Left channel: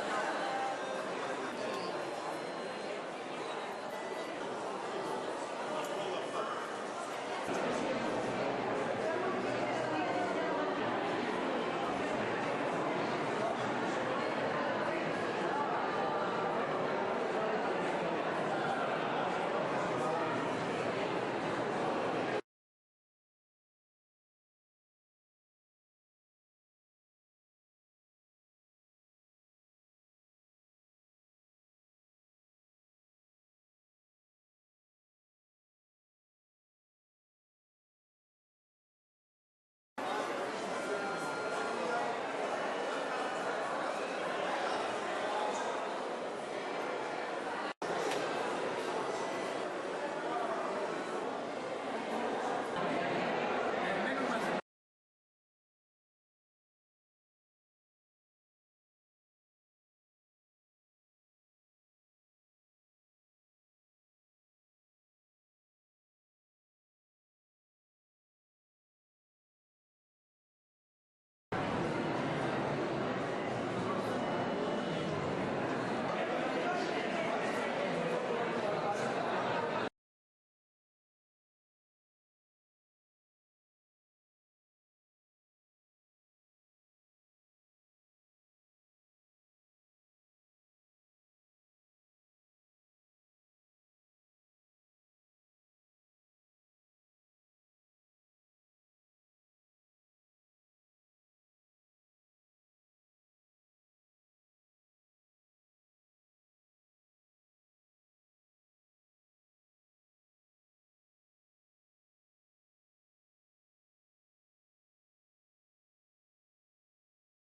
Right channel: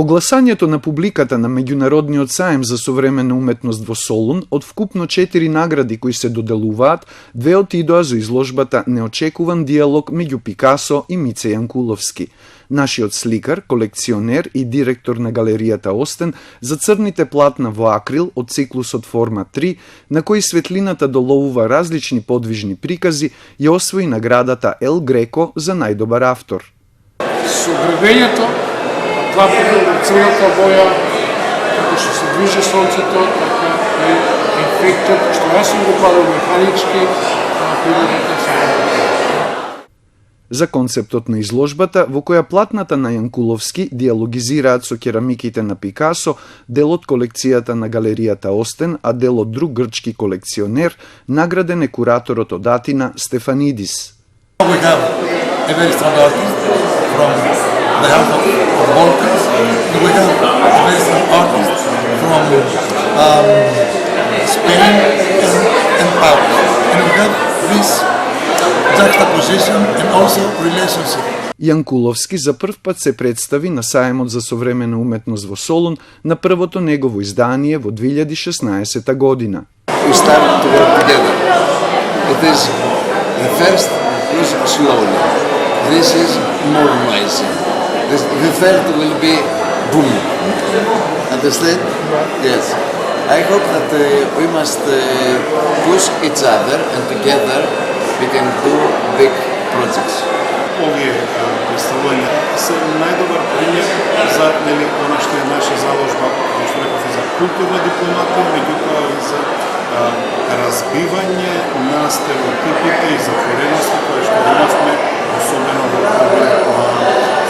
По гласањето на публиката на Меѓународниот саем за современа уметност во Солун, од вкупно 4 награди кои се доделуваат, 2 отидоа за изложбата Неочекуван диалог меѓу Пикасо и Мице Јанкуловски. Нашиот сликар, колекционер и директор на галеријата Остен за црните платна во акрил од циклусот Форма 3, на кои светлината доловува различни подвижни прикази, ја освои наградата Ел Греко за најдобар автор. Со градењето, црната боја, како што се движи сонцето, така и ефектот, што јас сум го правил механички, природата се за концептот на изложбата, во која платната на Јанкуловски диалогизираат со керамиките на Пикасо, дел од колекцијата на галеријата Остен, а дел од друг грчки колекционер, награден е кураторот од Атина Стефанидис. We have a very strong artist from the house of Balkans. We have a very strong artist from Spain and Paris. And we have this juxtaposition and also relationship. Јанкуловски за прв пат се представи на Саемот за современа уметност во Солун на првото негово издание во 2016 година. We started to work together. It is the first was slowly. This is normalizing. The third will be boom. Understand? Yes. I hope that we must push each other and together we can do big projects. Овие представувања се најдобар пример за она што е наша заложба, што реков, за културна дипломатија, меѓутоа и за разбивање на стереотипите и затворености кои што имавме, особено во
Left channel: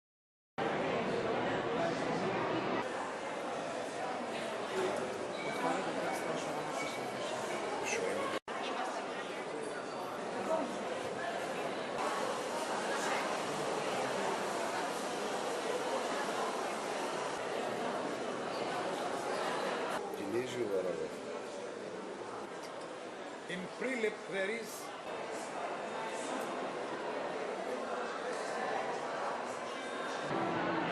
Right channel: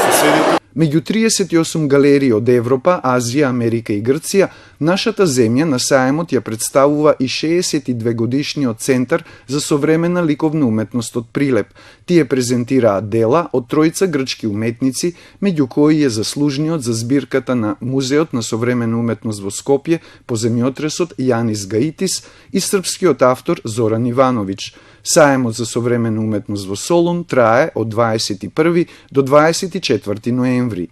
соседите. Меѓу 38 галерии од Европа, Азија, Америка и Грција, нашата земја на Саемот ја представува и 62 годишниот Центар за современа ликовна уметност од Прилеп. Тие презентираат дела од тројца грчки уметници, меѓу кои е заслужниот за збирката на Музеот на современа уметност во Скопје по земјотресот Јанис Гаитис и српскиот автор Зоран Ивановиќ. Саемот за современа уметност во Солун трае од 21 до 24 ноември.